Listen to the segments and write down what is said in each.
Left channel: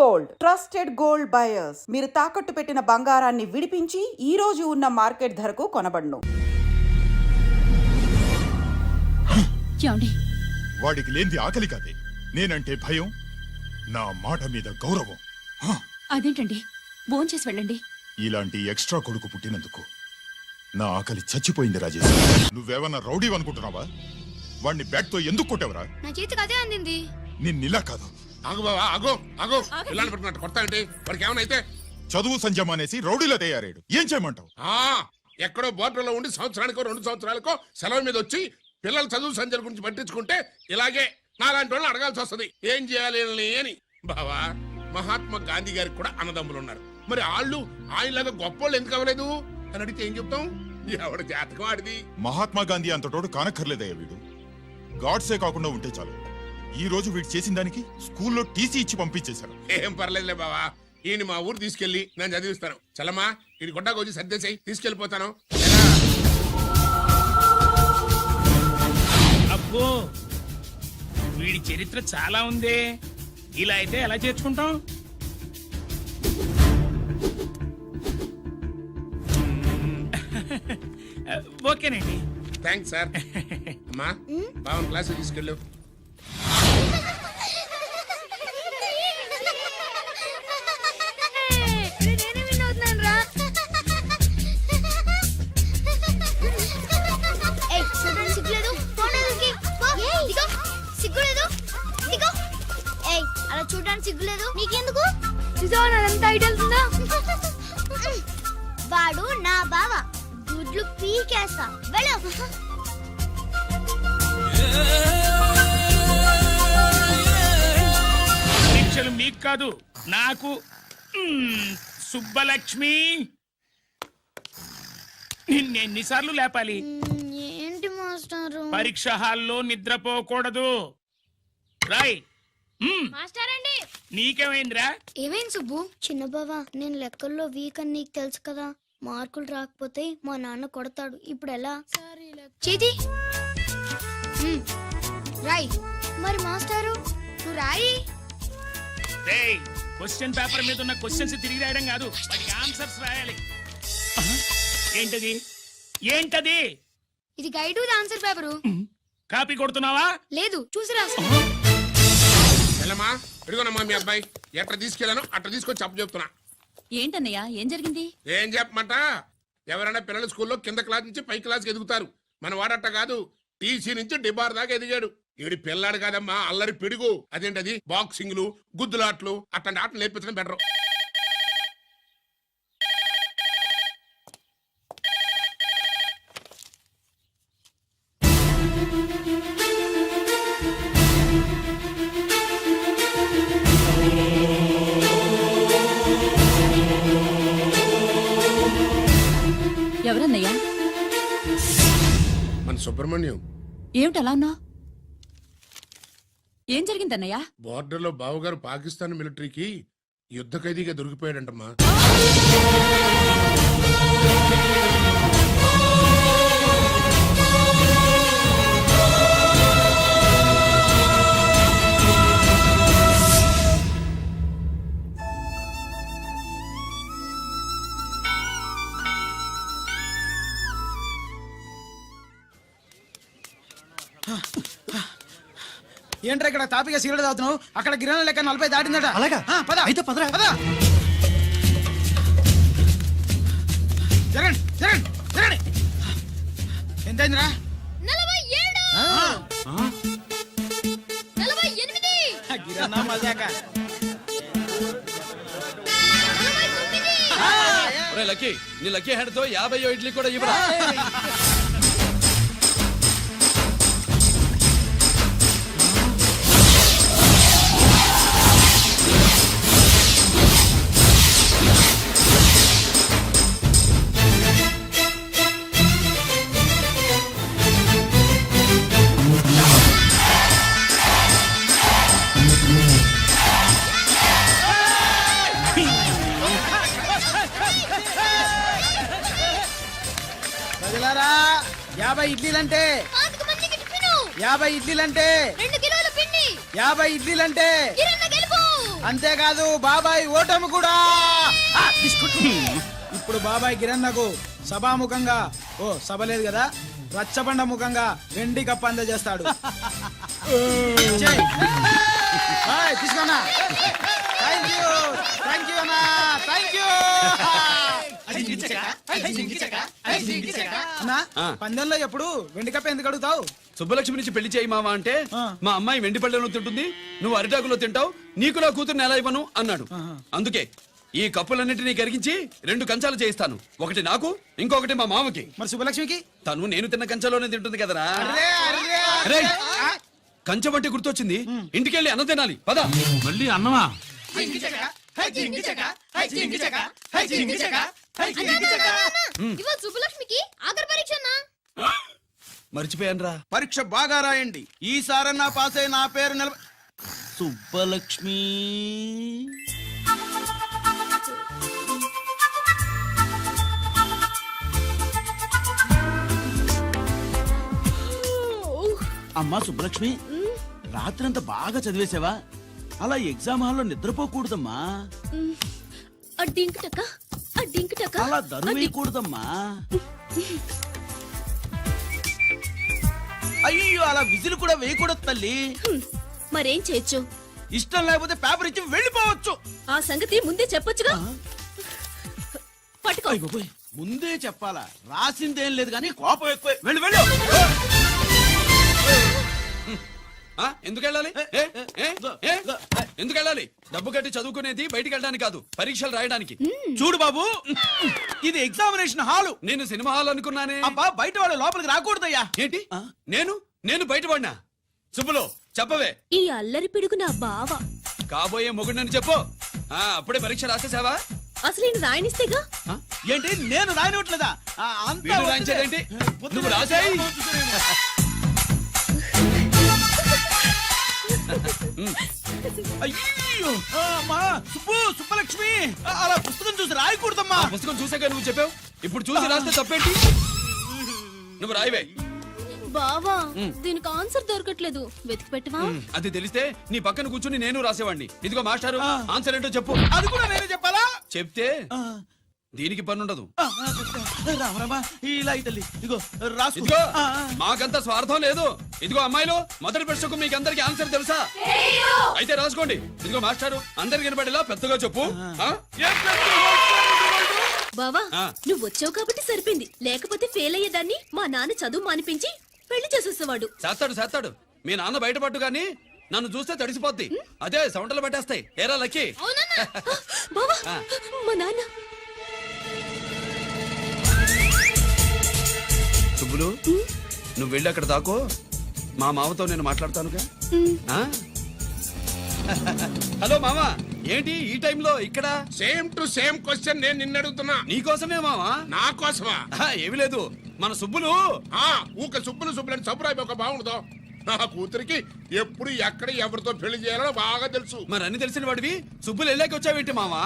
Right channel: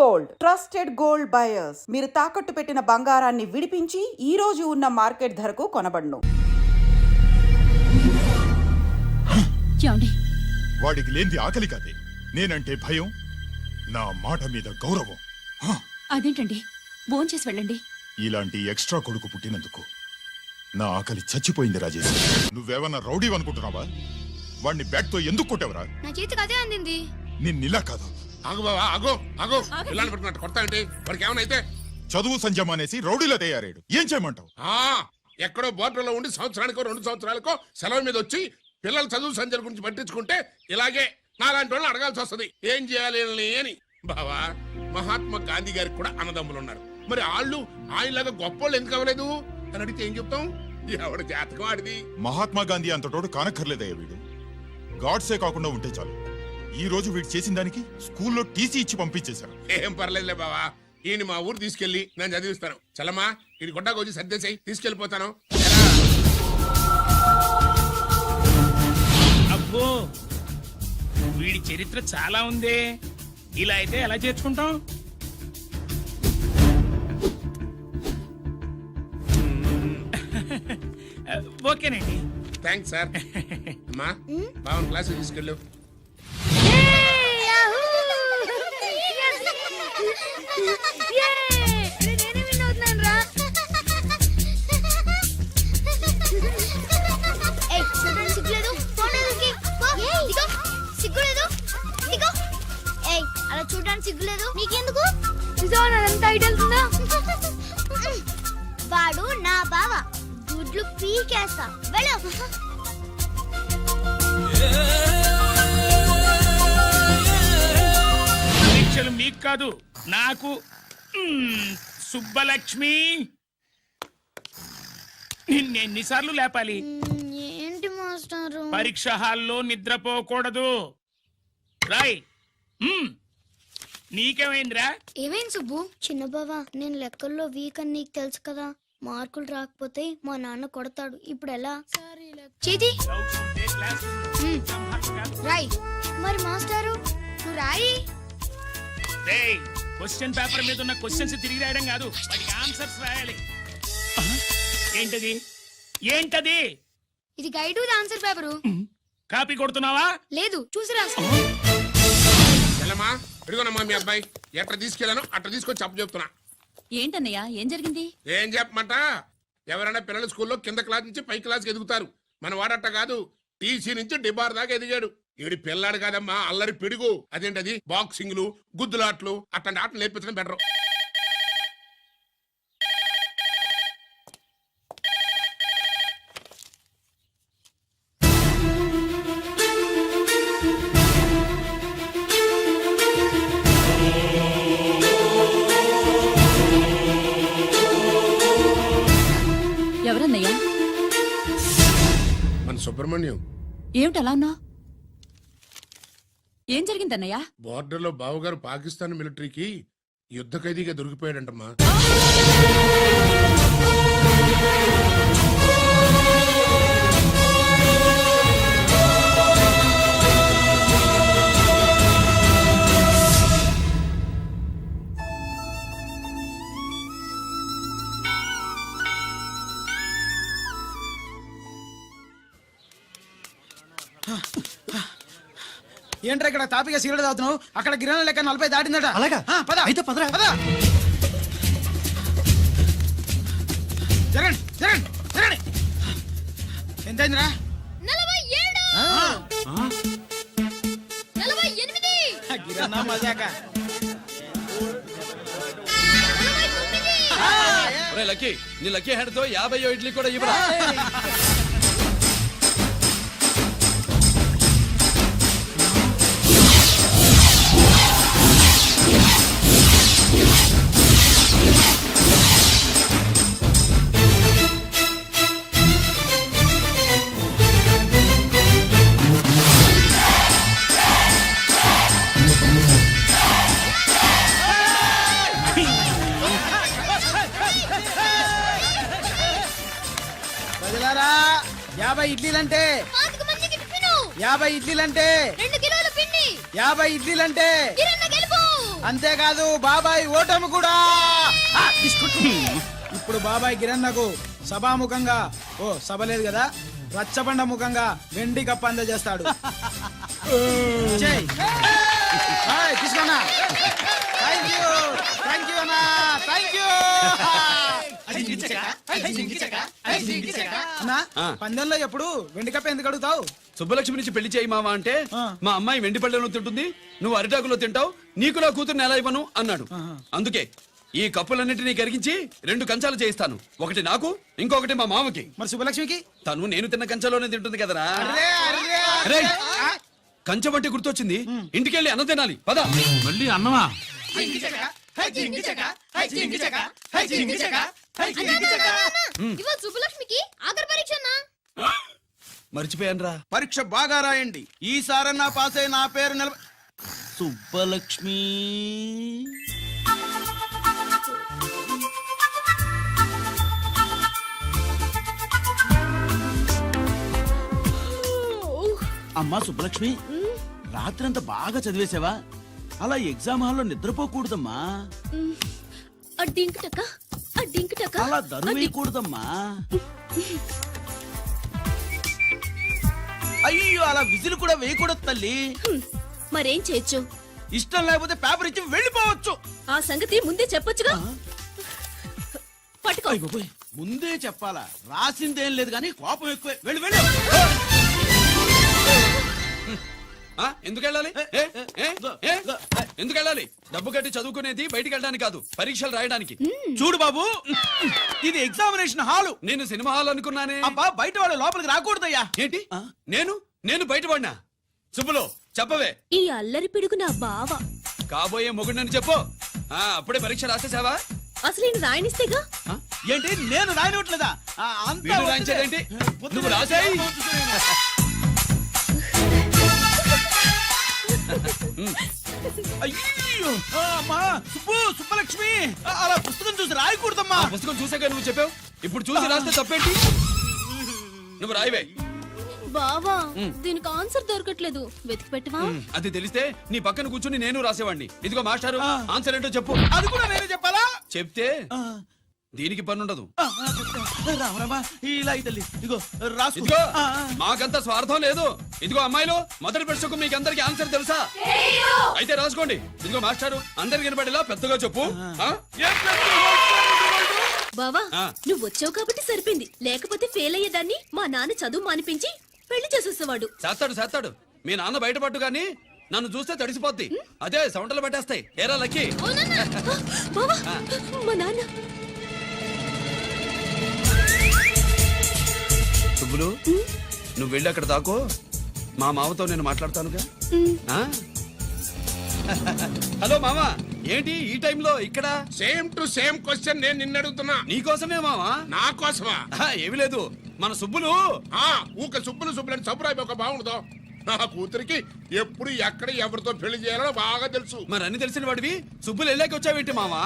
Gold trusted gold buyers మీరు తాకట్టు పెట్టిన బంగారాన్ని విడిపించి ఈ రోజు ఉన్న మార్కెట్ ధరకు కొనబడును. వాడికి లేనిది ఆకలి కాదే, నేనంటే భయం, నా మాట మీద గౌరవం. అదేంటండి, భోంచేసి వెళ్ళండి. ఇలాంటి ఎక్స్ట్రా కొడుకు పుట్టినందుకు నా ఆకలి చచ్చిపోయింది రాజేష్. నువ్వేమన్నా రౌడీ అనుకుంటున్నావా? వాడిని బ్యాట్ తో ఎందుకు కొట్టావరా? నా చేతికి అదే అందింది. నిన్నిలా కాదు. ఆగు బావా, ఆగు ఆగు. పిల్లలు పెట్టుకున్నట్టు కొడతా అంటే వాడికి ఏమనైతే చదువు సంజం అనేసి రౌడీలో తయారాడు. ఏం చేయమంటావు? ఎక్కడో బోర్డర్లో ఉండి సంవత్సరానికో 2 సంవత్సరాలకో సెలవు మీద వచ్చి పిల్లలు చదువు సంజల గురించి పట్టించుకుంటే ఇలాగే నాలాంటి వాళ్ళని అడగాల్సి వస్తుంది ఏం చేయాలి అని. బావా, మహాత్మా గాంధీ గారికి కూడా అన్నదమ్ములు ఉన్నారు. మరి వాళ్ళు ఆయనలాగా గొప్పోళ్ళు ఎందుకు అవ్వలేదు అని అడిగితే ఏం చెప్తాం? ఎవడ జాతకం ఆడిది. మహాత్మా గాంధీ అంతటోడు కానక్కర్లేదయ్యా వీడు. గాడ్సే కాకుండా ఉంటే చాలు. ఈ రోజు వీడు చేసిన దానికి స్కూల్లో టీసీ ఇచ్చి పంపించేశారు. ఏం పర్లేదులే బావా, ఈయన మా ఊరు తీసుకెళ్లి నేను చదివిస్తాను. చలమా, ఇది గొడ్డకు వచ్చి సర్దేశాయి, తీసుకెళ్లిపోతాను. అబ్బో, వీడి చరిత్ర చాలా ఉంది. ఇలా అయితే ఎలా చేర్చుకుంటాం? ఓకేనండి, థ్యాంక్స్ సార్. అమ్మా, బావన్ క్లాస్ తీసుకెళ్ళు. అలా చూడడానికి సిగ్గులేదు నీకెందుకు? చూసావా ఐడియా? వాడు నా బావ, గుడ్లు పీకేస్తా. వెళ్ళు. పరీక్షలు మీకు కాదు, నాకు. సుబ్బలక్ష్మి, నిన్నెన్నిసార్లు లేపాలి? ఏంటి మాస్టారు? పరీక్ష హాల్లో నిద్రపోకూడదు. రాయ్. నీకేమైందిరా? ఏమైంది సుబ్బు? చిన్న బావా, నేను లెక్కల్లో వీక్ అని నీకు తెలుసు కదా. మార్కులు రాకపోతే మా నాన్న కొడతాడు. ఇప్పుడు ఎలా? చేతి రాయ్. మరి మాస్టారు నువ్వు రాయి. క్వశ్చన్ పేపర్ మీద ఉన్న క్వశ్చన్స్ తిరిగి రాయడం కాదు, వాటికి ఆన్సర్స్ రాయాలి. ఏంటది? ఏంటది? ఇది గైడ్ ఆన్సర్ పేపరు. కాపీ కొడుతున్నావా? లేదు, చూసి రాస్తా. చెల్లమ్మా, ఎడుగునమ్మా మీ అబ్బాయి. ఎట్లా తీసుకెళ్ళాను అట్లా తీసుకొచ్చి అప్పు చెప్తున్నా. ఏంటన్నయ్యా, ఏం జరిగింది? ఏం చెప్పమంట? ఎవరైనా పిల్లల స్కూల్లో కింద క్లాస్ నుంచి పై క్లాస్కి ఎదుగుతారు. మన వాడట్ట కాదు, టీసీ నుంచి డిబార్ దాకా ఎదిగాడు. ఈవిడి పిల్లాడు కాదమ్మా, అల్లరి పిడుగు. అదేంటది, బాక్సింగ్లు, గుద్దులాట్లు, అట్లాంటి ఆటలు నేర్పించడం బెటర్. ఎవరన్నయ్యా? మన సుబ్రహ్మణ్యం. ఏమిటలా ఉన్నా? ఏం జరిగిందన్నయ్యా? బోర్డర్ లో బావగారు పాకిస్తాన్ మిలిటరీకి యుద్ధ ఖైదీగా దొరికిపోయాడంటమ్మా. ఏంట్రా ఇక్కడ తాపిగా సిగరెట్ తాగుతున్నావు? అక్కడ గిరణం లెక్క 40 దాటిందట. అలాగా? పద అయితే పదరా. పద. జరగండి జరగండి జరగండి. ఎంతైందిరా? 47. 48. గిరణా మజాక. 49. లక్కీ, నీ లక్కీ హ్యాండ్ తో 50 ఇడ్లీ కూడా ఇవ్వరా? ప్రజలారా, 50 ఇడ్లీలంటే 50 ఇడ్లీలంటే 2 కిలోల పిండి 50 ఇడ్లీలంటే కిరణ్ గెలుపు అంతేకాదు బాబాయ్ ఓటమి కూడా. ఆ, బిస్కుట్. ఇప్పుడు బాబాయ్ గిరన్నకు సభాముఖంగా సభ లేదు కదా, రచ్చబండ ముఖంగా వెండి కప్ప అందజేస్తాడు. తీసుకున్నా. థ్యాంక్ యూ అన్నా, థ్యాంక్ యూ అన్నా. పందెంలో ఎప్పుడు వెండి కప్ప ఎందుకు అడుగుతావు? సుబ్బలక్ష్మి నుంచి పెళ్లి చేయి మావా అంటే ఆ. మా అమ్మాయి వెండి పళ్ళెలో తింటుంది, నువ్వు అరిటాకులో తింటావు, నీకు నా కూతుర్ని ఎలా ఇవ్వను అన్నాడు. అందుకే ఈ కప్పులన్నింటినీ కరిగించి 2 కంచాలు చేయిస్తాను. ఒకటి నాకు, ఇంకొకటి మా మామకి. మరి శుభలక్ష్మికి? తను నేను తిన్న కంచాలోనే తింటుంది కదరా. అర్రే, అర్రే, రేయ్, కంచం అంటే గుర్తొచ్చింది, ఇంటికెళ్ళి అన్నం తినాలి పద. మళ్ళీ అన్నమా? ఇవాళ సుబ్బలక్ష్మికి ఆఖరి పరీక్ష అన్నా. మర్చిపోయానురా. పరీక్ష బాగా రాయండి, ఈసారన్నా పాస్ అయి నా పేరు సుబ్బలక్ష్మి. అమ్మా సుబ్బలక్ష్మి, రాత్రంతా బాగా చదివేశావా? అలా ఎగ్జామ్ హాల్లో నిద్రపోకూడదమ్మా. అలా దరువు వేయకూడదమ్మా. అయ్యో, అలా విజిల్ కూడా వేయకూడదు తల్లి. మరేం చేయొచ్చు? ఇష్టం లేకపోతే పేపర్ ఇచ్చి వెళ్ళిపోవచ్చు. ఆ సంగతి ముందే చెప్పొచ్చుగా. పట్టుకో. అయ్య బాబోయ్, ముందే చెప్పాలా? రాసిందేం లేదు కానీ కోపం ఎక్కువ. వెళ్ళు వెళ్ళు. ఆ, ఎందుకు వెళ్ళాలి? ఏ? ఏ? ఏ? ఎందుకు వెళ్ళాలి? డబ్బు కట్టి చదువుకునేది బయటికి వెళ్ళడానికి కాదు, పరీక్షలు రాయడానికి. చూడు బాబు, ఇది ఎగ్జామినేషన్ హాలు. నేను సినిమా హాల్ అనుకున్నానే. అబ్బా, బయట వాళ్ళు లోపలికి రాకూడదయ్యా. ఏంటి? నేను బయటపడినా? సుబ్బులు చెప్పవే. ఈ అల్లరి పిడుగు నా బావ. కాబోయే మొగుడని చెప్పు. అప్పుడే పరీక్ష రాసేసావా? అసలు నేను రాయనిస్తేగా. ఏంటి, నేను రాయనట్లేదా? వీడు రాయించేదేంటి? నువ్వు రాసేయ్. అయ్యో, అమ్మా సుబ్బలక్ష్మి, అలా పుస్తకం చూసి రాయకూడదమ్మా. ఆ పుస్తకం చూసాక నువ్వు చెప్పావు, ఇప్పుడు చూసి రాస్తే తప్పేంటి? నువ్వు రాయవే. బావా, దీనికి ఆన్సర్ దొరకట్లేదు, వెతికి పెట్టవా? అది తెలిస్తే నీ పక్కన కూర్చుని నేను రాసేవాడిని. ఇదిగో మాస్టారు, ఆన్సర్ ఏంటో చెప్పు. అది కూడా నేనే చెప్పాలా? చెప్తే దీనికి పనుండదు. రామరామా, ఇలా తల్లి, ఇదిగో రాసుకో. ఇదిగో, మాకంత స్వార్థం లేదు. ఇదిగో అమ్మాయిలు, మొదటి ప్రశ్నకు మీకు అందరికి ఆన్సర్ తెలుసా? అయితే రాసుకోండి. ఇదిగో మాస్టారు, అందరికి వినపడేలా పెద్దగా చెప్పు. బావా, నువ్వు వచ్చావు కాబట్టి సరిపోయింది, లేకపోతే ఫెయిల్ అయ్యేదాన్ని. మా నాన్న చదువు మానిపించి పెళ్లి చేసేసేవాడు. చేస్తాడు. మీ నాన్న బయటపడ్డు గాని నన్ను చూస్తే తడిసిపోద్ది. అదే సౌంటలు పట్టేస్తాయి. ఏరా లక్కీ. బావా, మా నాన్న. సుబ్బులు, నువ్వు వెళ్ళి అక్కడ దాకో, మా మామతో నేను మాట్లాడతానుగా. ఆ? హలో మామా, ఏంటి ఈ టైంలో ఇక్కడ? సేమ్ టు సేమ్ క్వశ్చన్ నేను నిన్ను అడుగుతున్నా. నీకోసమే మామా. నా కోసమా? ఏమి లేదు, మన సుబ్బులు. ఊక సుబ్బులు అని సబ్బురాయి ఒక బాగుండదు. నా కూతురికి ఎప్పుడు ఎక్కడ ఎవరితో పెళ్లి చేయాలో బాగా తెలుసు. మరి అన్ని తెలిసిన వాడివి సుబ్బులు వెళ్ళాక వచ్చావేంటి మామా?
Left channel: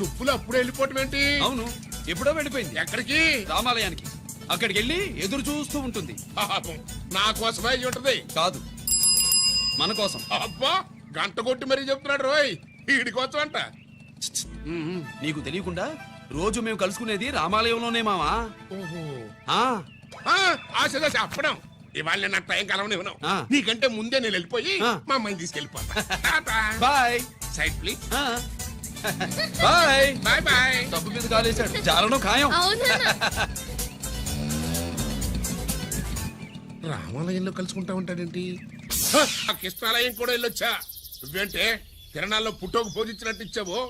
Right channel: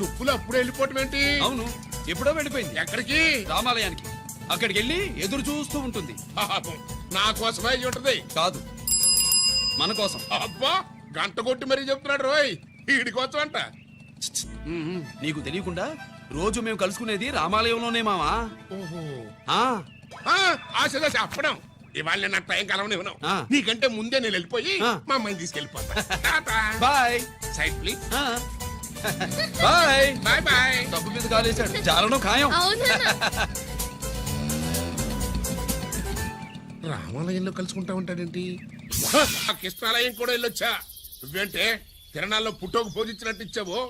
సుబ్బులు అప్పుడు వెళ్ళిపోవటం ఏంటి? అవును, ఎప్పుడో వెళ్ళిపోయింది. ఎక్కడికి? రామాలయానికి. అక్కడికి వెళ్ళి ఎదురు చూస్తూ ఉంటుంది. పాపం, నా కోసమే అయి ఉంటది. కాదు, మన కోసం. అబ్బా, గంట కొట్టి మరీ చెప్తున్నాడు రోయ్, వీడి కోసం అంట. నీకు తెలియకుండా రోజు మేము కలుసుకునేది రామాలయంలోనే మావా. ఓహో, ఆ, ఆశగా చెప్పడం. ఇవాళ నేను టైం కలవని ఉన్నావు. నీకంటే ముందే నేను వెళ్ళిపోయి మా అమ్మాయిని తీసుకెళ్ళిపోతా. Bye. Side please. Bye. Bye bye. డబ్బు మీద కాలేశాడు, చాలడం ఖాయం. రామాలయంలో కలుసుకుంటా ఉంటాడేంటి? ఆ కృష్ణాలయం కూడా వెళ్ళొచ్చా? నువ్వేంటే తిరణాల్లో పుట్టోకు పోజించినట్టు ఇచ్చావో.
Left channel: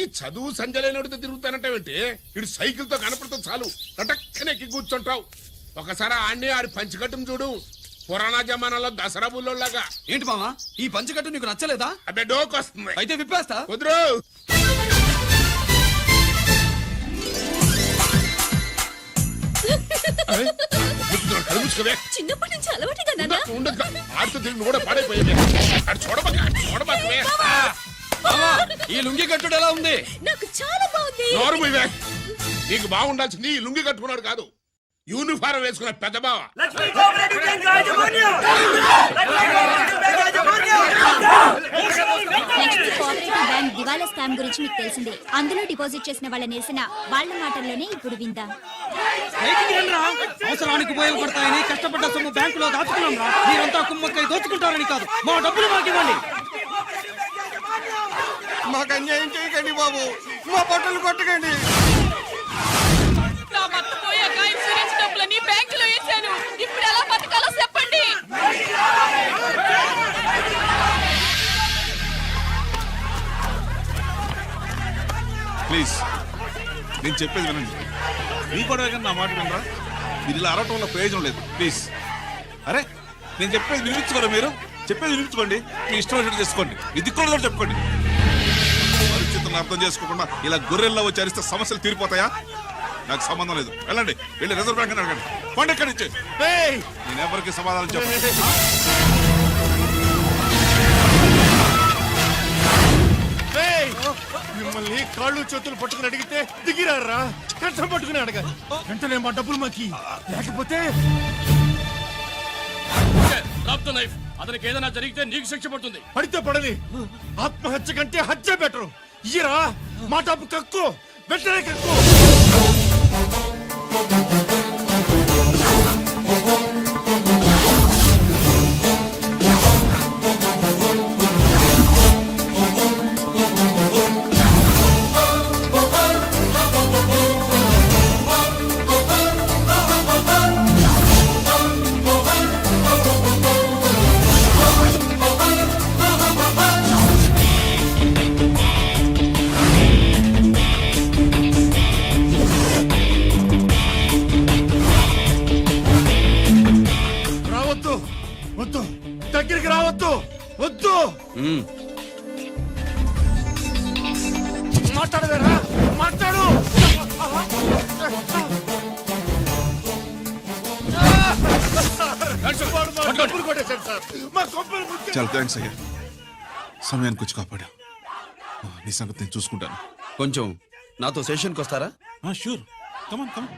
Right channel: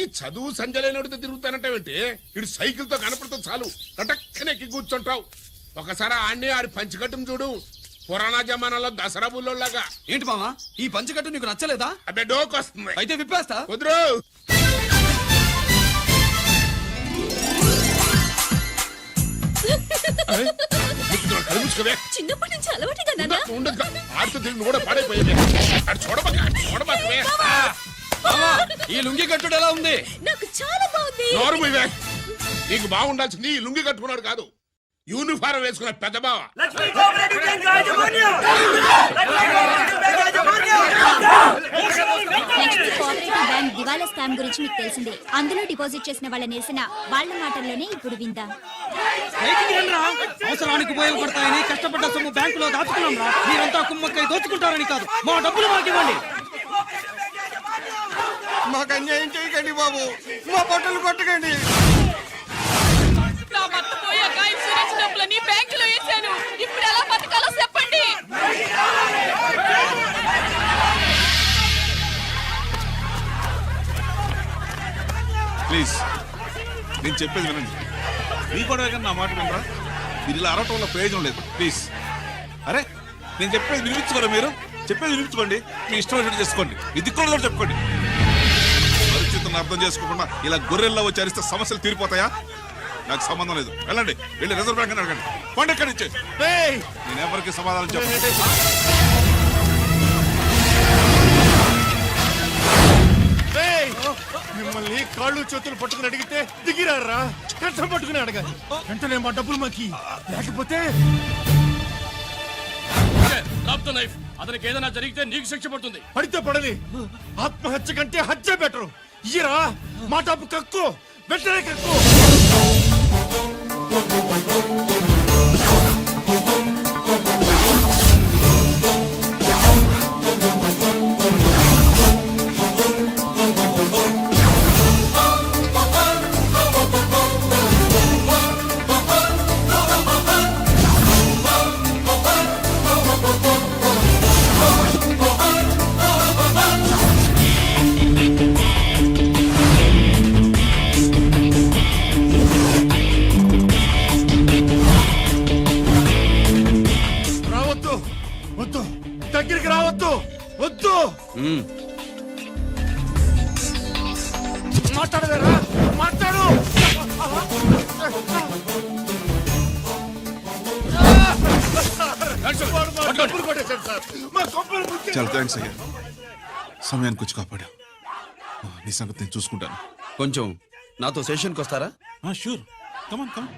ఈ చదువు సంజలైనడితో తిరుగుతానంటావేంటి? ఇడు సైకిల్ తో కనపడుతూ చాలు ఎక్కి కూర్చుంటావు. ఒకసారి ఆడిని ఆడి పంచికట్టును చూడు, పురాణ జమానాలో దసరా బుల్లోలాగా. ఏంటి మామా, ఈ పంచకట్టు నీకు నచ్చలేదా? అబ్బే, డోక్ వస్తుంది. అయితే విప్పేస్తా. కుదురు. చిన్నప్పటి నుంచి అలవాటుగా నాన్న. ఆడుతూ తిరిగి కూడా పాడైపోయింది. చూడబాకవే. ఈ లుంగి కట్టుడు ఎలా ఉంది? నాకు చాలా బాగుంది. నోరు మూయవే. నీకు బాగుండాల్సింది ఈ లుంగి కట్టుకున్నాడు కాదు, యూనిఫారం వేసుకున్న పెద్ద బావ. లక్ష్మీ కోఆపరేటివ్ బ్యాంక్ దివాలా స్కామ్ గురించి మీకు తెలిసిందే. అందులో డిపాజిట్ చేసిన వాళ్ళ నిరసన వాళ్ళ మాటల్లోనే ఇప్పుడు విందాం. బయటికి రండిరా. అవసరానికి ఉపయోగపడతాయని కష్టపడ్డ సొమ్ము బ్యాంకులో దాచుకున్నాం రా. మీరంతా కుమ్మక్కై దోచుకుంటారని కాదు, మా డబ్బులు మాకు ఇవ్వండి. మాకు అన్యాయం చేయకండి బాబు, మా బట్టలు కొట్టకండి. నా భర్త పోయాక ఇన్సూరెన్స్ డబ్బులని బ్యాంకులో వేశాను. ఇప్పుడు ఎలా బతకాలో చెప్పండి. ప్లీజ్ నేను చెప్పేది వినండి. మీ గొడవ కానీ నా మాట వినరా? మీరు ఇలా అరవటం వల్ల ప్రయోజనం లేదు. ప్లీజ్ అరే నేను చెప్పేది వినిపించుకోరా? మీరు చెప్పేది వినిపించుకోండి, మీ ఇష్టం వచ్చినట్టు చేసుకోండి, మీ దిక్కులో చెప్పుకోండి. పరిస్థితులను అర్థం చేసుకోకుండా ఇలా గొర్రెల్లో వచ్చి అరిస్తే సమస్యలు తీరిపోతాయా? నాకు సంబంధం లేదు. వెళ్ళండి, వెళ్ళి రిజర్వ్ బ్యాంక్ అని అడగండి. పండి ఎక్కడి నుంచి. నేను ఎవరికి సమాధానం చెప్పను. మిమ్మల్ని కాళ్ళు చేతులు పట్టుకుని అడిగితే దిగిరారా? కష్టం పట్టుకుని అడగాలి. వెంటనే మా డబ్బులు మాకి, లేకపోతే అతనికి ఏదైనా జరిగితే నీకు శిక్ష పడుతుంది. పడితే పడని, ఆత్మహత్య కంటే హత్య బెటరు. ఇయ్యరా మా డబ్బు, కక్కు, వెంటనే కక్కు. వద్దు, దగ్గరికి రావద్దు, వద్దు. మాట్లాడవేరా? మాట్లాడు. చాలా థ్యాంక్స్ అయ్యా, సమయానికి వచ్చి కాపాడా. నీ సంగతి నేను చూసుకుంటాను. కొంచెం నాతో సెషన్కి వస్తారా? షూర్, కమాన్ కమాన్.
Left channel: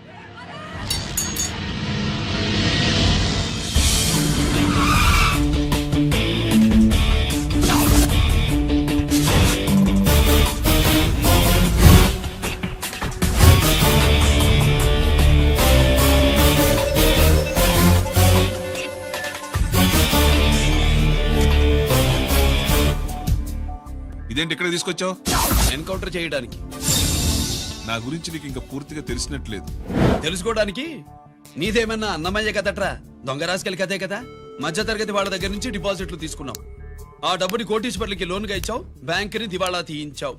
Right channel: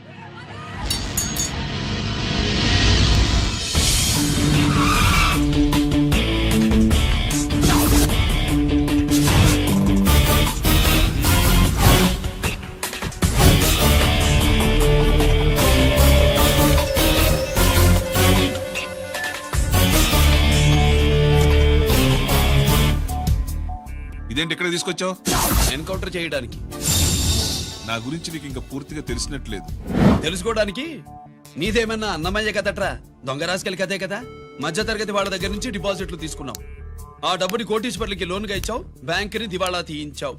ఇదేంటి ఇక్కడ తీసుకొచ్చావు? ఎన్కౌంటర్ చేయడానికి. నా గురించి నీకు ఇంకా పూర్తిగా తెలిసినట్లేదు. తెలుసుకోవడానికి నీదేమన్నా అన్నమయ్య కదట్రా, దొంగ రాసుకెళ్ళి కదే కదా. మధ్య తరగతి వాళ్ళ దగ్గర నుంచి డిపాజిట్లు తీసుకున్నావు. ఆ డబ్బుని కోటీశ్వర్లకి లోన్గా ఇచ్చావు, బ్యాంకుని దివాళా తీయించావు.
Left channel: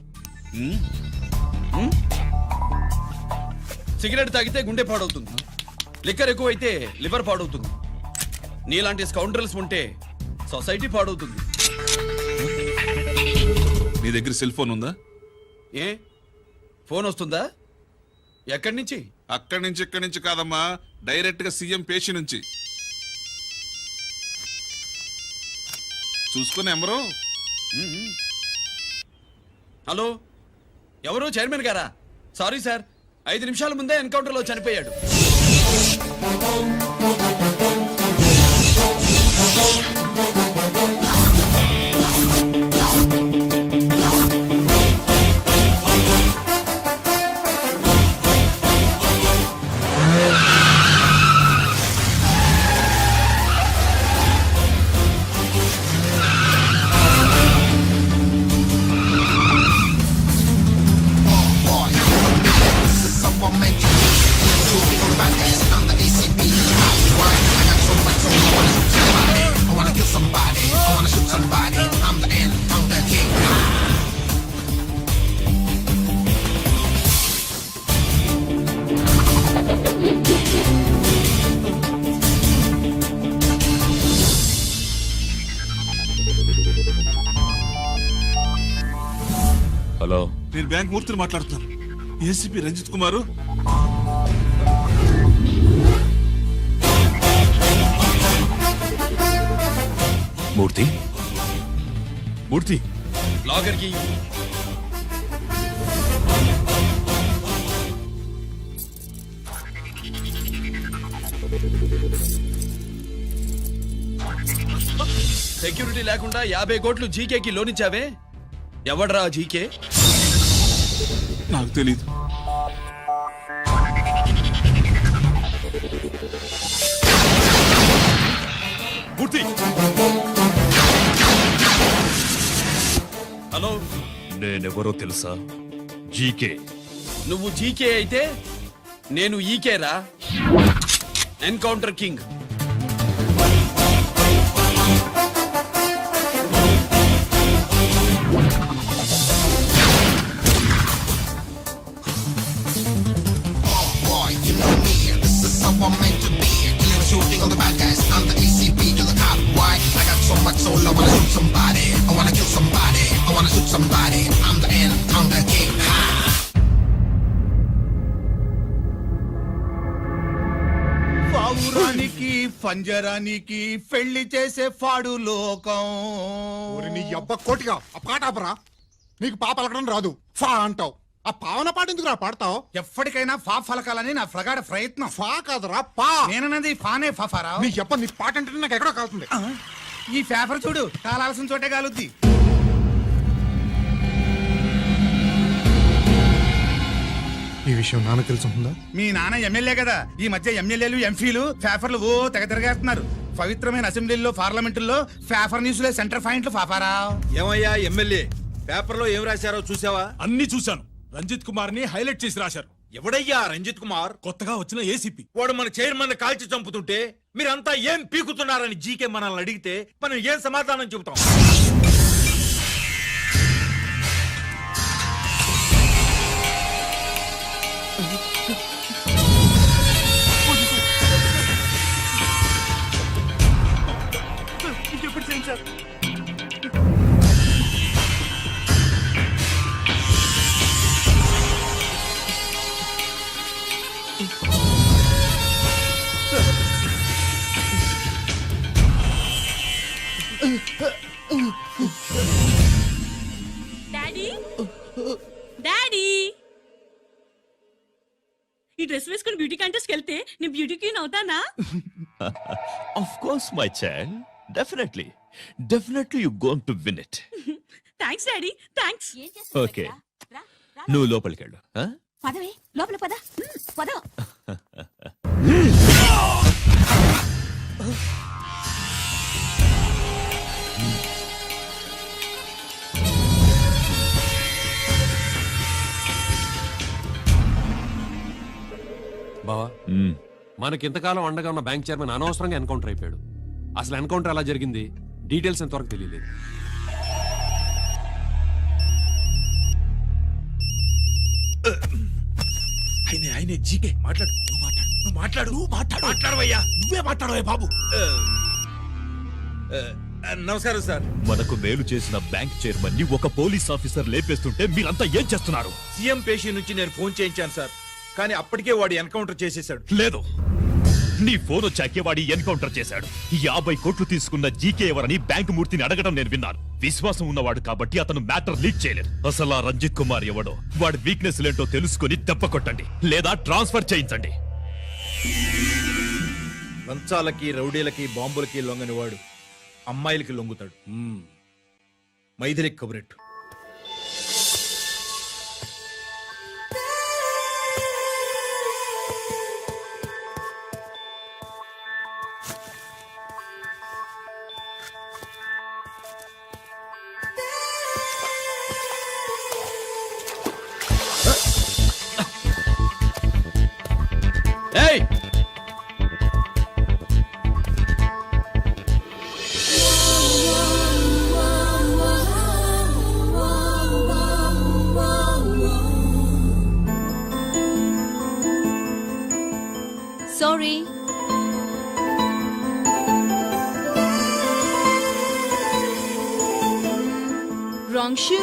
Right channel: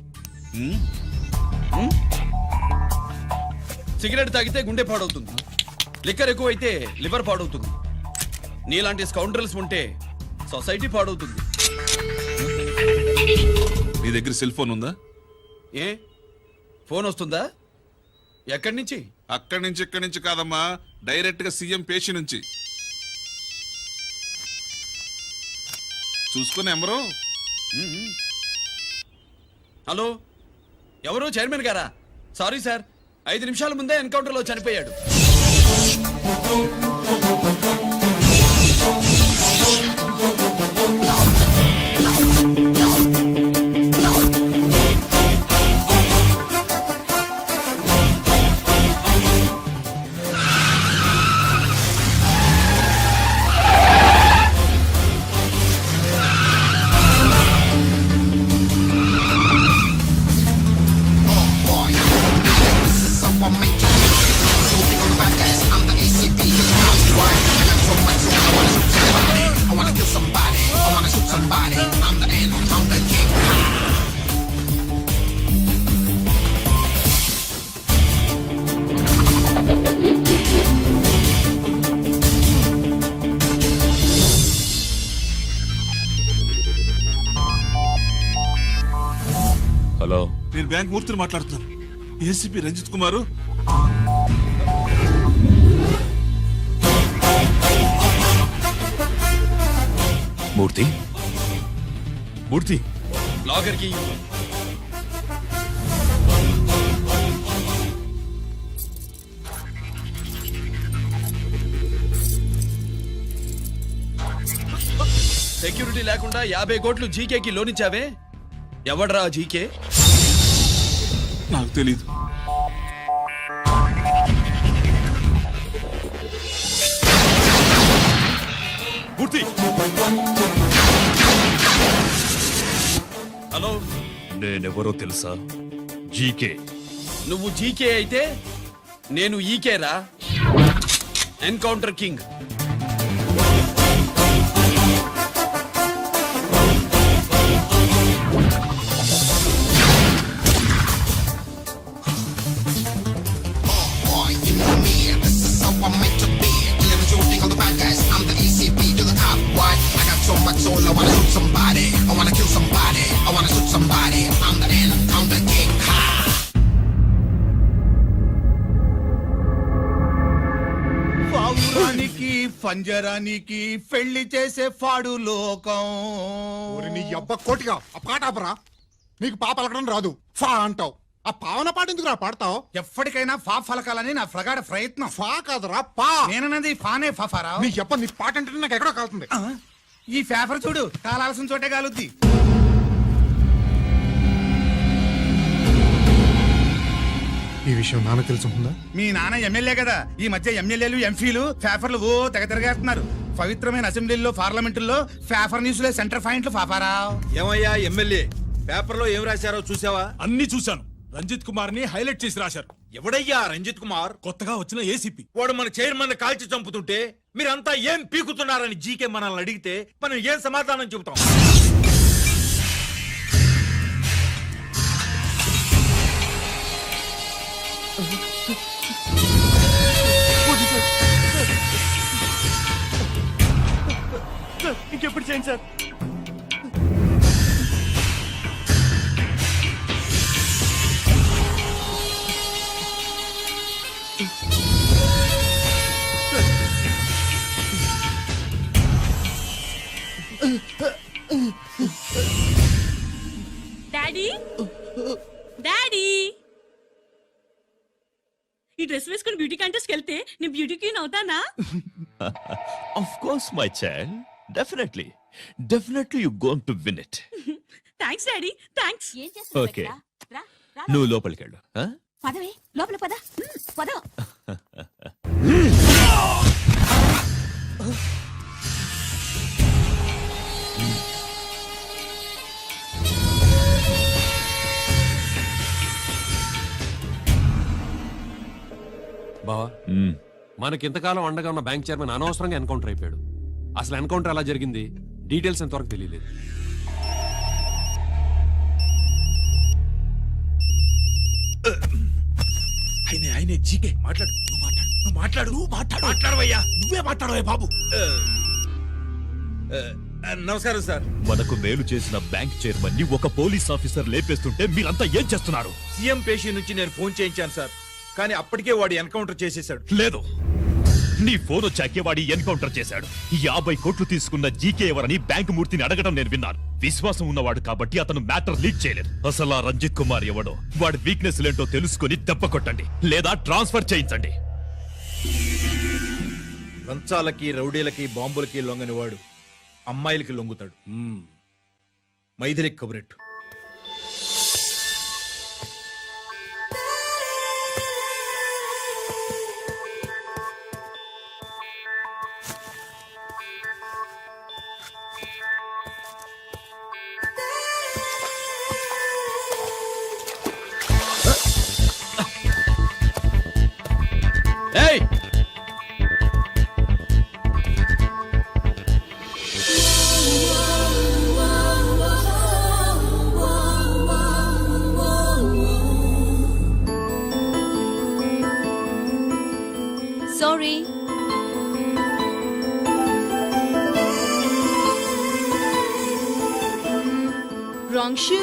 సిగరెట్ తాగితే గుండె పాడవుతుంది, లిక్కర్ ఎక్కువైతే లివర్ పాడవుతుంది. నీలాంటి స్కౌండ్రల్స్ ఉంటే సొసైటీ పాడవుతుంది. నీ దగ్గర సెల్ ఫోన్ ఉందా? ఏ ఫోన్ వస్తుందా? ఎక్కడి నుంచి? అక్కడి నుంచి ఇక్కడి నుంచి కాదమ్మా, డైరెక్ట్ గా సీఎం పేషి నుంచి. చూసుకుని ఎవరో. హలో, ఎవరు? చైర్మన్ గారా? సారీ సార్, 5 నిమిషాల ముందే ఎన్కౌంటర్ లో చనిపోయాడు. హలో, నేను బ్యాంక్ మూర్తిని మాట్లాడుతున్నాను. ఏసీపీ రంజిత్ కుమారు. మూర్తి, మూర్తి, లాగర్ కి సెక్యూరిటీ లేకుండా 50 కోట్లు జీకేకి లోన్ ఇచ్చావే, ఎవడ్రా జీకే? నాకు తెలీదు. పూర్తి. హలో, నేనెవరో తెలుసా? జీకే. నువ్వు జీకే అయితే నేను ఈకేరా, ఎన్కౌంటర్ కింగ్. పావురానికి పంజరానికి పెళ్లి చేసే ఫాడు లోకం. నీ అబ్బ కోటిగా ఆ పాట ఆపరా. నీకు పాప పలకడం రాదు, ఫా అంటావు. ఆ పావన పాట ఎందుకు పాడతావు? ఎప్పటికైనా ఫా ఫలకాలని నా ప్రగాఢ ప్రయత్నం. ఫా కాదురా పా. నేనన్నది ఫానే ఫాఫారా. నీ చెప్ప నీ పాట అంటే నాకు ఎక్కడో కాలుతుంది. ఈ పేపర్ చూడు, కాలాల్సిన చోటే కాలుద్ది. ఈ విషయం నాన్న తెలుసుందా? మీ నాన్న ఎమ్మెల్యే కదా, ఈ మధ్య ఎమ్మెల్యేలు ఎంపీలు పేపర్లు ఓ తెగ తిరగేస్తున్నారు. పవిత్రమైన అసెంబ్లీల్లో పార్లమెంటుల్లో పేపర్ న్యూస్లే సెంటర్ పాయింట్లు ఫాఫారా. ఏమయ్యా ఎమ్మెల్యే, పేపర్లో ఏం రాశారో చూసావా? అన్ని చూశాను. రంజిత్ కుమార్ ని హైలైట్ చేసి రాశారు. ఎవడయ్యా రంజిత్ కుమార్? కొత్తగా వచ్చిన ఏసీపీ. వాడు మన చైర్మన్ కాల్చి చంపుతుంటే మీరంతా ఏం పీకుతున్నారని జీకే మనల్ని అడిగితే మనం ఏం సమాధానం చెబుతాం? డాడీ, ఈ డ్రెస్ వేసుకుని బ్యూటీ కాంటెస్ట్ వెళ్తే నేను బ్యూటీ క్వీన్ అవుతానా? Of course my child, definitely you going to win it. Thanks daddy, thanks. Okay, నువ్వు లోపలికి వెళ్ళు. పదవే లోపల పద, పద. బావా, మనకింతకాలం అండగా ఉన్న బ్యాంక్ చైర్మన్ అనవసరంగా ఎన్కౌంటర్ అయిపోయాడు. అసలు ఎన్కౌంటర్ ఎలా జరిగింది, డీటెయిల్స్ ఎంతవరకు తెలియలేదు. ఆయనే జీకే. మాట్లాడు, నువ్వు మాట్లాడవయ్యా. నువ్వే మాట్లాడవే బాబు. నమస్కారం సార్. మనకు మేలు చేసిన బ్యాంక్ చైర్మన్ ని ఒక పోలీస్ ఆఫీసర్ లేపేస్తుంటే మీరంతా ఏం చేస్తున్నారు? సీఎం పేషి నుంచి నేను ఫోన్ చేయించాను సార్, కానీ అప్పటికే వాడు ఎన్కౌంటర్ చేసేశాడు. లేదు, నీ ఫోన్ వచ్చాకే వాడి ఎన్కౌంటర్ చేశాడు. 50 కోట్లు తీసుకున్న జీకే ఎవరని బ్యాంకు మూర్తిని అడగడం నేను విన్నాను. విశ్వాసం ఉన్నవాడు కాబట్టి అతను మ్యాటర్ లీక్ చేయలేదు. అసలు ఆ రంజిత్ కుమార్ ఎవడో, వాడి వీక్నెస్ ఏంటో తెలుసుకుని దెబ్బ కొట్టండి, లేదా ట్రాన్స్ఫర్ చేయించండి. లంచాలకి, రౌడీలకి, బాంబులకి లొంగని వాడు అమ్మాయిలకి లొంగుతాడు. మైథిలి కబురెట్టు. ఏయ్, సారీ. Wrong shoe.